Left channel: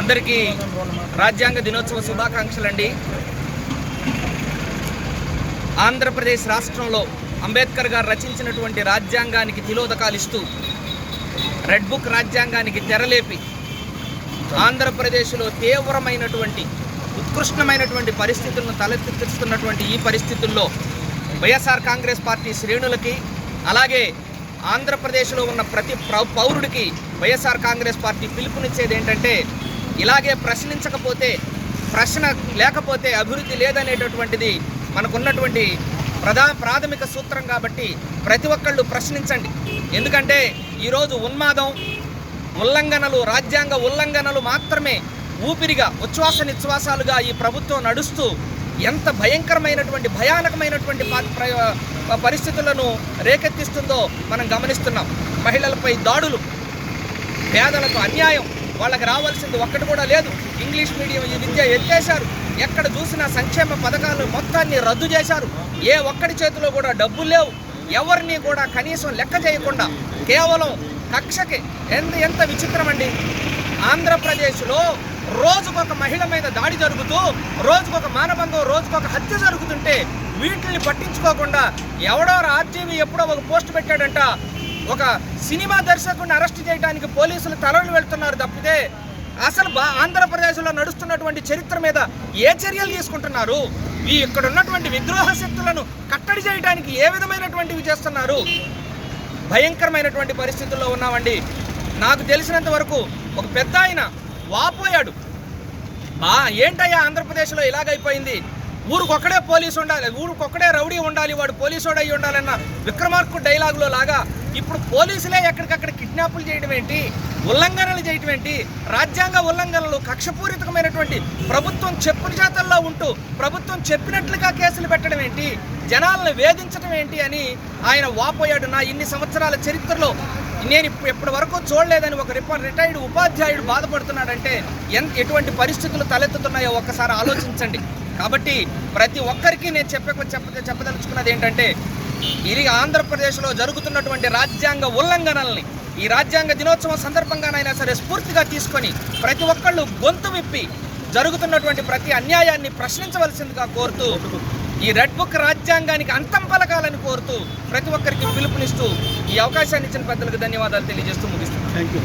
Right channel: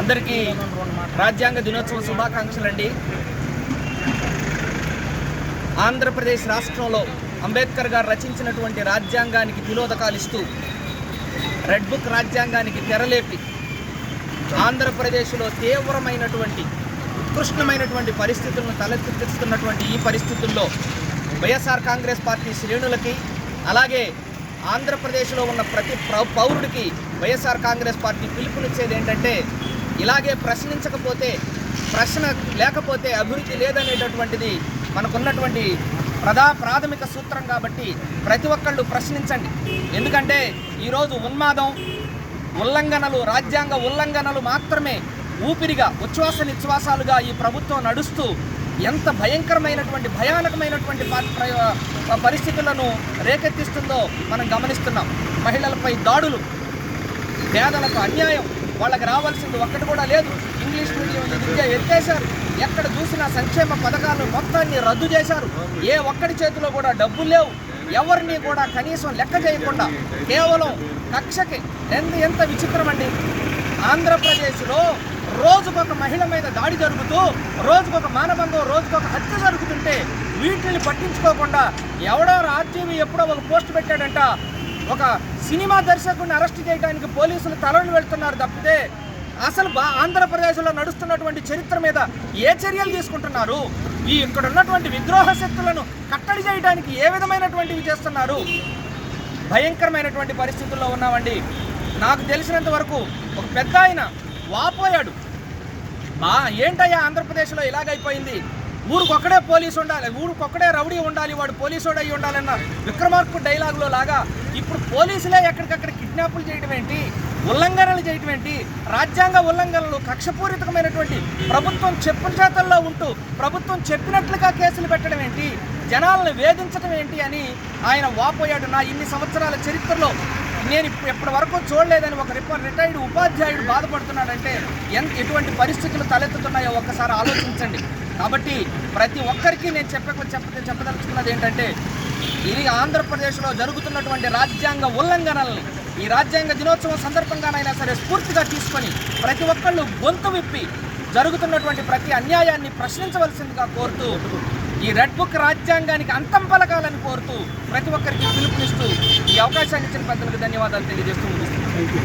అందరికీ రాజ్యాంగ దినోత్సవ శుభాకాంక్షలు అండి ఆంధ్రప్రదేశ్ రాష్ట్రంలో అంబేద్కర్ గారు రచించినటువంటి రాజ్యాంగానికి తిలోదకాలు ఇస్తూ రెడ్ బుక్ రాజ్యాంగానికి తెరలేపి ఆంధ్రప్రదేశ్లో తీవ్రమైనటువంటి ఉత్కృష్టమైనటువంటి పరిస్థితులను తలెత్తిస్తున్నటువంటి ఈ పరిస్థితుల్లో వైఎస్ఆర్ కాంగ్రెస్ పార్టీ శ్రేణులకి అలాగే ఆంధ్రప్రదేశ్లో ఉన్న ప్రతి ప్ర పౌరుడికి వైఎస్ఆర్ కాంగ్రెస్ పార్టీ పిలుపునిచ్చేది ఏంటంటే ఇలాగే ప్రశ్నించకపోతే ప్రశ్న లేకపోతే అభివృద్ధి లేదనేటటువంటిది మనకున్నటువంటి ప్రధా ప్రాథమిక సూత్రం కాబట్టి ప్రతి ఒక్కళ్ళు ప్రశ్నించండి. ఎందుకంటే ఈరోజు ఉన్మాదం ఉల్లంఘనలు రాజ్యాంగ ఉల్లంఘనలు మాత్రమే ఊపిరిగా ఉచ్ఛ్వాస నిశ్వాసాలుగా ఈ ప్రభుత్వం నడుస్తూ ఎంత భయంకరమైనటువంటి భయానకమైనటువంటి ప్ర- పరిస్థితులను రేకెత్తిస్తుందో మనం గమనిస్తున్నాం. మహిళలపై దాడులు పేదలకు అన్యాయం వాళ్ళకి రావాల్సింది ఒక్కటి కూడా లేదు. ఇంగ్లీష్ మీడియం విద్య ఎత్తేశారు. ఎక్కడ చూసినా సంక్షేమ పథకాలు మొత్తాన్ని రద్దు చేశారు. ఏ ఒక్కడి చేతిలో కూడా డబ్బులు లేవు. ఎవరిని కూడా కనీసం లెక్క చేయకుండా కేవలం కక్షకి ఎంత ఎంత విచిత్రం అండి. ఆంధ్రప్రదేశ్లో రోజుకొక మహిళ మీద దాడి జరుగుతూ రోజుకొక మానబంధం రోజుకొక హత్య జరుగుతుంటే వీటిని పట్టించుకోకుండా ఎవడో ఆర్టీవీ ఎప్పుడో ఒక పోస్ట్ పెట్టాడంట. ఒక సినిమా దర్శకుడిని అరెస్ట్ చేయడానికి పోలీసులు తలలు వెళ్తున్నారు తప్పితే అసలు బా ఆంధ్రప్రదేశ్లో నడుస్తున్నటువంటి చరిత్ర మీద ఏ చర్యలు తీసుకుంటున్నారు? ఈ ఇక్కడ ఉన్నటువంటి విద్రోహ శక్తులను కట్టడి చేయడానికి ఏ విధమైనటువంటివి చేస్తున్నారు? భయంకరమైనటువంటి పరిస్థితుల్లో ఉన్నామండి. నాకు తెలిసినంత వరకు ఒక పెద్ద ఆయన వాపోయాడు. బా ఏంటయ్యా ఆంధ్రప్రదేశ్లో ఇలాగైపోయింది? ఊరికొక్కడే పోలీసు ఉండాలి ఊరికొక్కడే రౌడీ ఉండాలి వాడు పోలీసు అయి ఉండాలన్న విక్రమార్కు డైలాగులో లాగా ఇప్పుడు పోలీసులే ఎక్కడికక్కడ కిడ్నాపులు చేయడం ఏంటి? ఉల్లంఘనలు చేయడం ఏంటి? రాజ్యాంగ ఉల్లంఘనలు కక్షపూరితమైనటువంటి ప్రభుత్వం చెప్పుల చేతల్లో ఉంటూ ప్రభుత్వం చెప్పినట్లుగా కేసులు పెట్టడం ఏంటి? జనాలను వేధించడం ఏంటి అని ఆయన వాపోయాడు నా ఇన్ని సంవత్సరాల చరిత్రలో నేను ఇప్పటి వరకు చూడలేదని ఒక రిప రిటైర్డ్ ఉపాధ్యాయుడు బాధపడుతున్నాడంటే ఎంత ఎటువంటి పరిస్థితులు తలెత్తుతున్నాయో ఒక్కసారి ఆలోచించండి. కాబట్టి ప్రతి ఒక్కరికి నేను చెప్పక చెప్ప చెప్పదలుచుకున్నది ఏంటంటే ఇది ఆంధ్రప్రదేశ్లో జరుగుతున్నటువంటి రాజ్యాంగ ఉల్లంఘనల్ని ఈ రాజ్యాంగ దినోత్సవం సందర్భంగానైనా సరే స్ఫూర్తిగా తీసుకొని ప్రతి ఒక్కళ్ళు గొంతు విప్పి జరుగుతున్నటువంటి ప్రతి అన్యాయాన్ని ప్రశ్నించవలసిందిగా కోరుతూ ఈ రెడ్ బుక్ రాజ్యాంగానికి అంతం పలకాలని కోరుతూ ప్రతి ఒక్కరికి పిలుపునిస్తూ ఈ అవకాశాన్ని ఇచ్చిన పెద్దలకు ధన్యవాదాలు తెలియజేస్తూ ముగిస్తున్నాను.